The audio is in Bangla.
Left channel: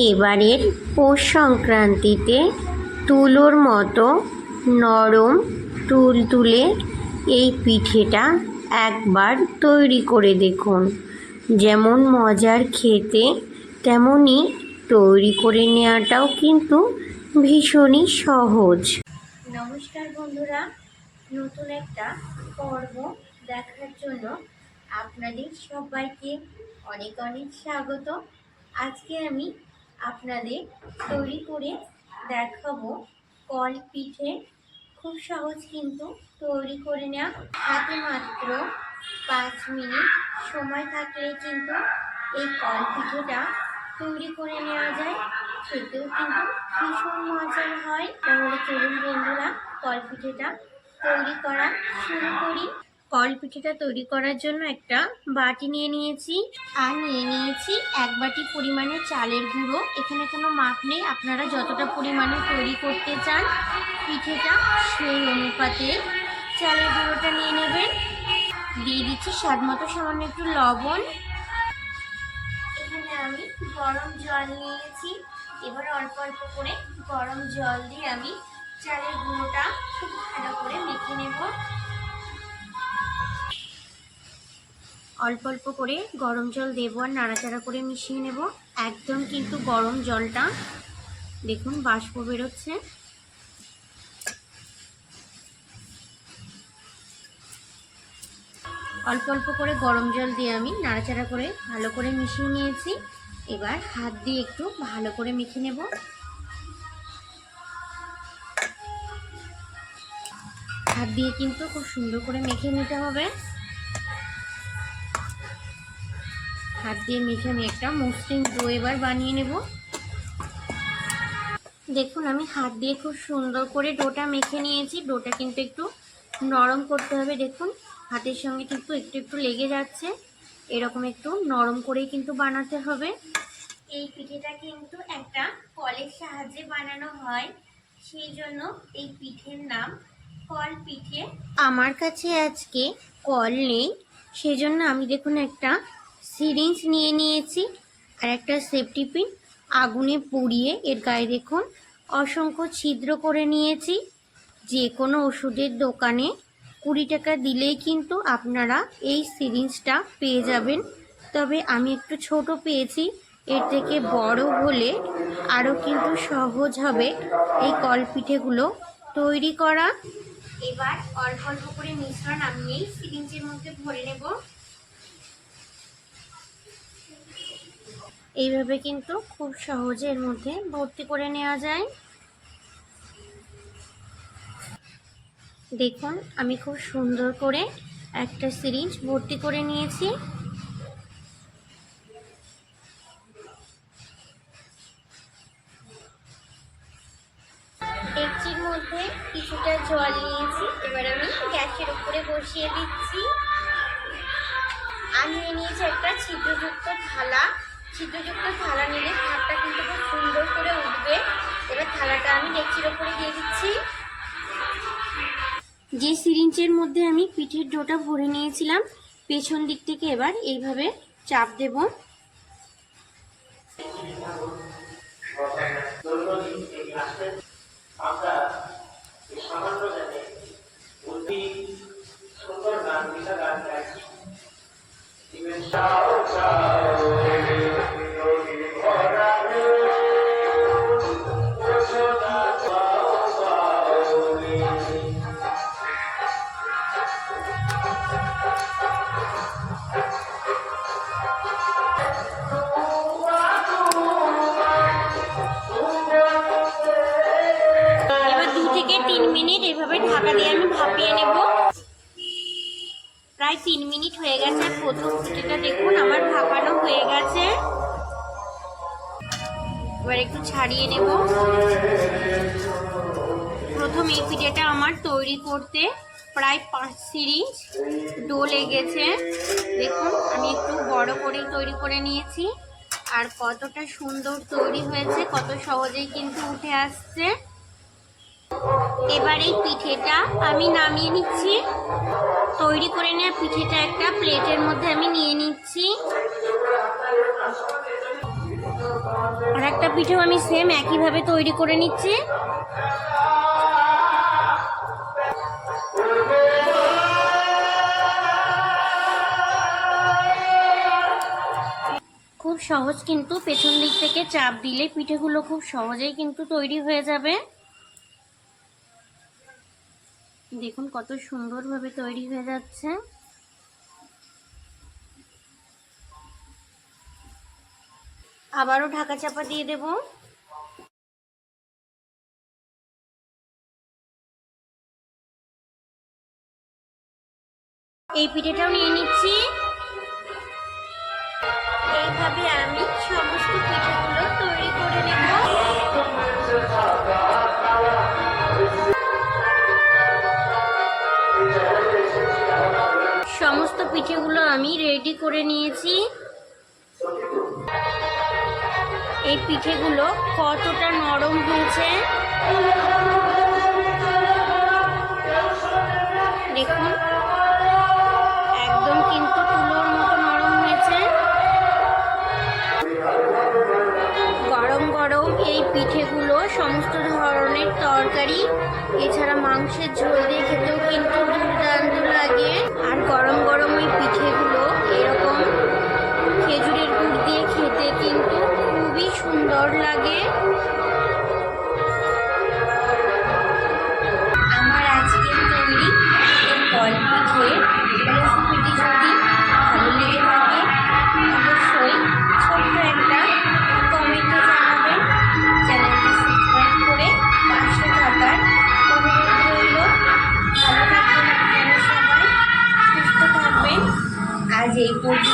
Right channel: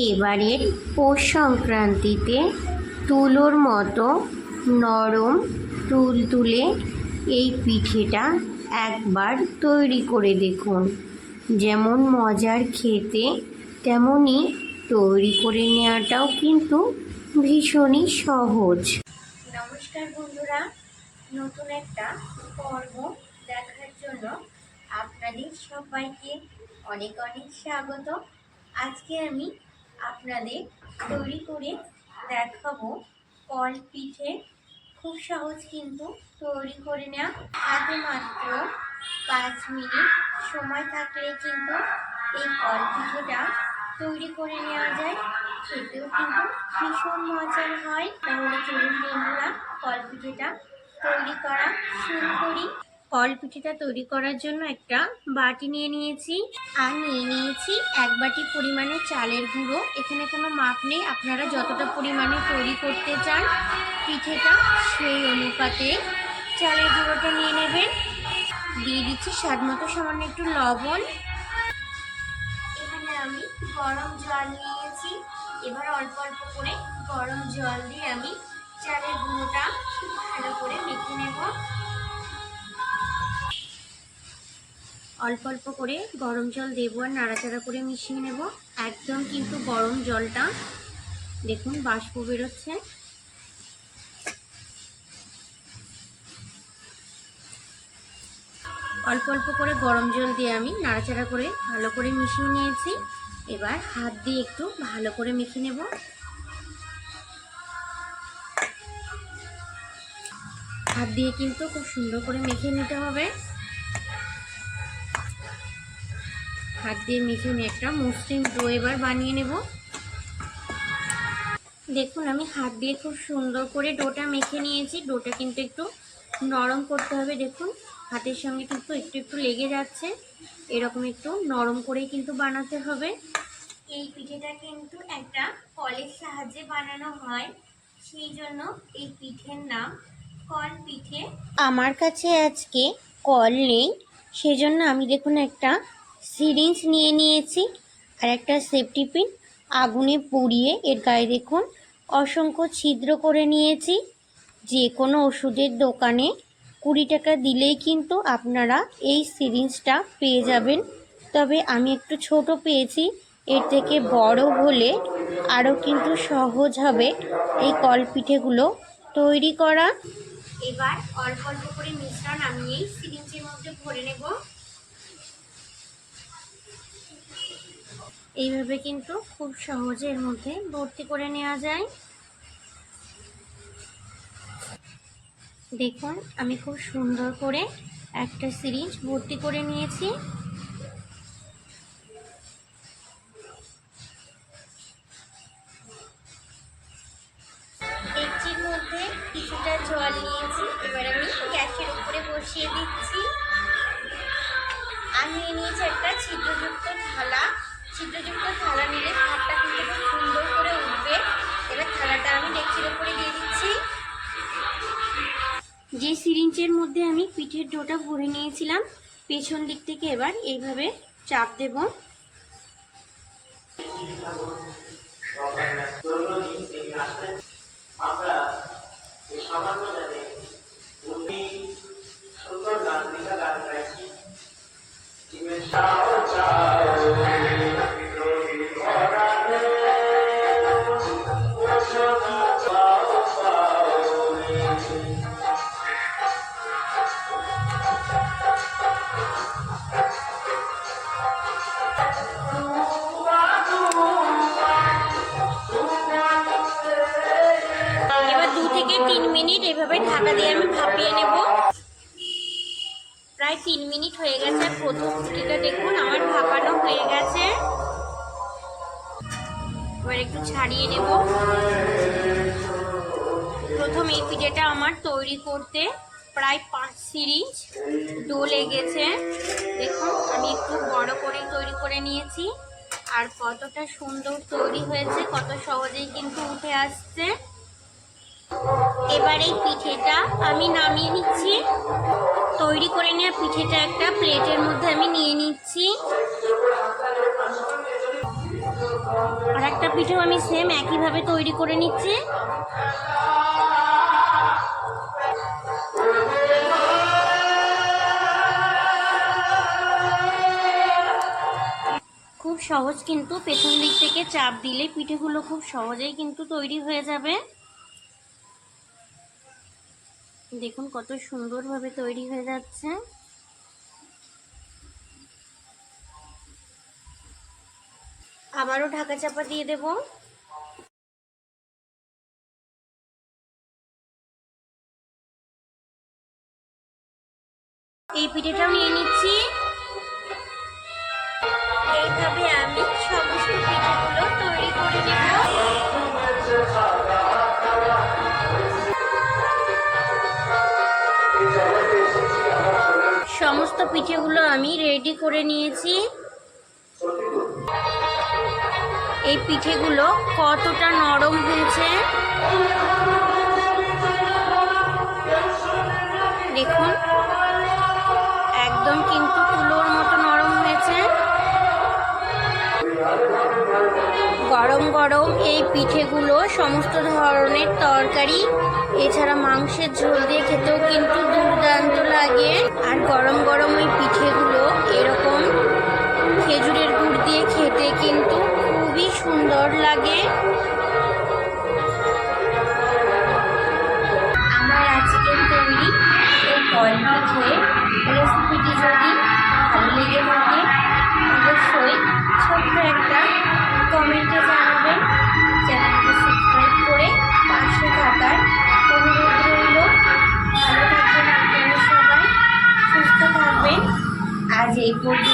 এবারের পৌষ সংক্রান্তিতে তুলোর মতো নরম তুলতুলে এই পিঠেটা একবার তৈরি করে দেখুন। যেমন মজার খেতে, তেমনই তৈরি করে নেওয়াটাও কিন্তু ভীষণই সহজ। নমস্কার বন্ধুরা, নতুন একটা পর্ব দেখার জন্য আপনাদের সবাইকে অনেক অনেক স্বাগত। আজকে আমি আপনাদের তৈরি করে দেখাবো কল পিঠে। খুব সহজ কিন্তু তৈরি করে নেওয়া, হাতে মাত্র 5 মিনিট সময় থাকলে কিন্তু এই কল পিঠেটা তৈরি করে নেওয়া যায়। খেতেও কিন্তু ভীষণ মজার হয়। তাহলে চলুন বন্ধুরা, কল পিঠেটা তৈরি করা শুরু করি। কল পিঠেটা তৈরি করার জন্য একটা বাটি নিয়ে নিয়েছি, আর নিয়ে নিয়েছি 1 বাটি পরিমাণে চালের গুঁড়ো। এখানে কোনো মাপ নেই, আপনারা যতটা পরিমাণে তৈরি করতে চান পিঠেটা সেই অনুপাতে চালের গুঁড়োটা নিয়ে নেবেন। দিয়ে দিচ্ছি স্বাদ মতো সামান্য একটু লবণ। এখানে আমি গরম জল নিয়েছি। এবার অল্প অল্প করে গরম জল দিয়ে আমি চালের গুঁড়োটা খুব ভালো করে মেখে নেব। অল্প অল্প করে গরম জল দেবো আর নাড়াচাড়া করে মিশিয়ে নেব। একদম কিন্তু গরম জলটা, দেখুন বাষ্প বেরোচ্ছে। অল্প অল্প করে গরম জল দিয়ে আমি নাড়াচাড়া করে ভালো করে মিশিয়ে নিয়েছি। এবার হাত দিয়ে একটু ভালো করে মেখে নেব। হাত দিয়ে কিন্তু খুব সুন্দর করে মেখে নিতে হবে। হাত দিয়ে মেখে আমি একটা মসৃণ ডো এবার বানিয়ে নেব। দেখুন আমি হাত দিয়ে খুব সুন্দর করে ডোটা মেখে নিয়েছি। ডোটা কিন্তু একটু নরম করতে হবে। দেখুন হাতের সঙ্গে কিন্তু একটু একটু লেগে যাচ্ছে, এরকম একটু নরম করেই কিন্তু বানাতে হবে। এই পিঠেটা কিন্তু একটা কলের সাহায্যে বানানো হয়, সেই জন্য এই পিঠের নাম কল পিঠে। আমার কাছে আজকে কল নেই, সেজন্য আমি দেখুন একটা সিরিঞ্জ নিয়ে নিয়েছি আর একটা সেফটি পিন আগুনে পুড়িয়ে এর গায়ে দেখুন অসংখ্য ছিদ্র করে নিয়েছি। যে কোনো ওষুধের দোকানে 20 টাকা দিলেই কিন্তু আপনারা এই সিরিঞ্জটা পেয়ে যাবেন। তবে আমি একটু ছোট পেয়েছি, এর থেকে বড় হলে আরও কিন্তু সহজ হবে এই কল পিঠেগুলো তৈরি করা। এবার অল্প অল্প করে মিশ্রণ আমি এই সিরিঞ্জের মধ্যে ভরে নেব। এইভাবে কিন্তু খুব সহজে এর মধ্যে ভর্তি করে নেওয়া যায়। দেখুন আমি খুব সুন্দর করে একটা সিরিঞ্জ ভর্তি করে নিয়েছি। ডেকচির মধ্যে কিছুটা জল নিয়েছি, এবার আমি গ্যাসের উপরে বসিয়ে দিচ্ছি। আর নিয়ে নিয়েছি একটা ছিদ্রযুক্ত থালা। ছিদ্রযুক্ত থালা নিলে ভাতটা কিন্তু খুব সুন্দর করে উঠবে। এবার থালাটা আমি ডেকচির উপরে দিয়ে দিচ্ছি। যে সিরিঞ্জের মধ্যে আমি পিঠের ডোটা ভরে নিয়েছিলাম, পেছন দিক থেকে এবার এইভাবে চাপ দেব। এবার 2 থেকে 3 মিনিট এভাবে ঢাকা দিয়ে আমি ভাপিয়ে নেব। প্রায় 3 মিনিট হয়ে গেছে। প্রথম পিঠেটা দেখুন আমার ভাপানো হয়ে গেছে। এবার একটু ছাড়িয়ে নেব। প্রথম এই পিঠেটা আমার তৈরি করতে প্রায় 5 সিরিঞ্জ ডো লেগেছে। দেখুন আমি একটু বড় করে তৈরি করে নিয়েছি, আর কতটা সুন্দর তৈরি হয়েছে, কত সহজেই কিন্তু উঠে আসছে। এবার এই পিঠেটা আমি নামিয়ে নিচ্ছি। তৈরি করে নেওয়া পিঠেটা একটা প্লেটের মধ্যে আমি নিয়ে নিচ্ছি। আর একটা পিঠেও আমি সেম একইভাবে তৈরি করে নিচ্ছি। খুব সহজ, কিন্তু পেছন দিক থেকে চাপ দিলে পিঠেগুলো খুব সহজেই কিন্তু তৈরি হয়ে যাবে। দেখুন কত সুন্দরভাবে তৈরি হয়ে যাচ্ছে। আবারও ঢাকা চাপা দিয়ে দেব। এই পিঠেটাও নিয়ে নিচ্ছি। এইভাবে আমি সমস্ত পিঠেগুলো তৈরি করে নেব। সমস্ত পিঠেগুলো আমি রেডি করে নিয়েছি। এই পিঠেগুলো কতটা নরম হয়েছে দেখুন, একদম কিন্তু তুলোর মতো নরম হয়েছে। গরম গরম এই পিঠেগুলো সমস্ত ধরনের তরকারি এছাড়া মাংসের ঝোল দিয়ে খেতেও কিন্তু দুর্দান্ত লাগে। আর গরম গরম এই পিঠেগুলো এরকম খেজুরের গুড় দিয়ে খেতে কিন্তু খুবই সুন্দর লাগে। আমার আজকের তৈরি এই কল পিঠে রেসিপিটি যদি ভালো লেগে থাকে অবশ্যই ছোট্ট একটা কমেন্টে জানাবেন। চ্যানেলটি সাবস্ক্রাইব করে পাশে থাকার অনুরোধ রইল। ভালো থাকবেন আপনারা সবাই, সুস্থ থাকবেন। আজ এই পর্যন্ত।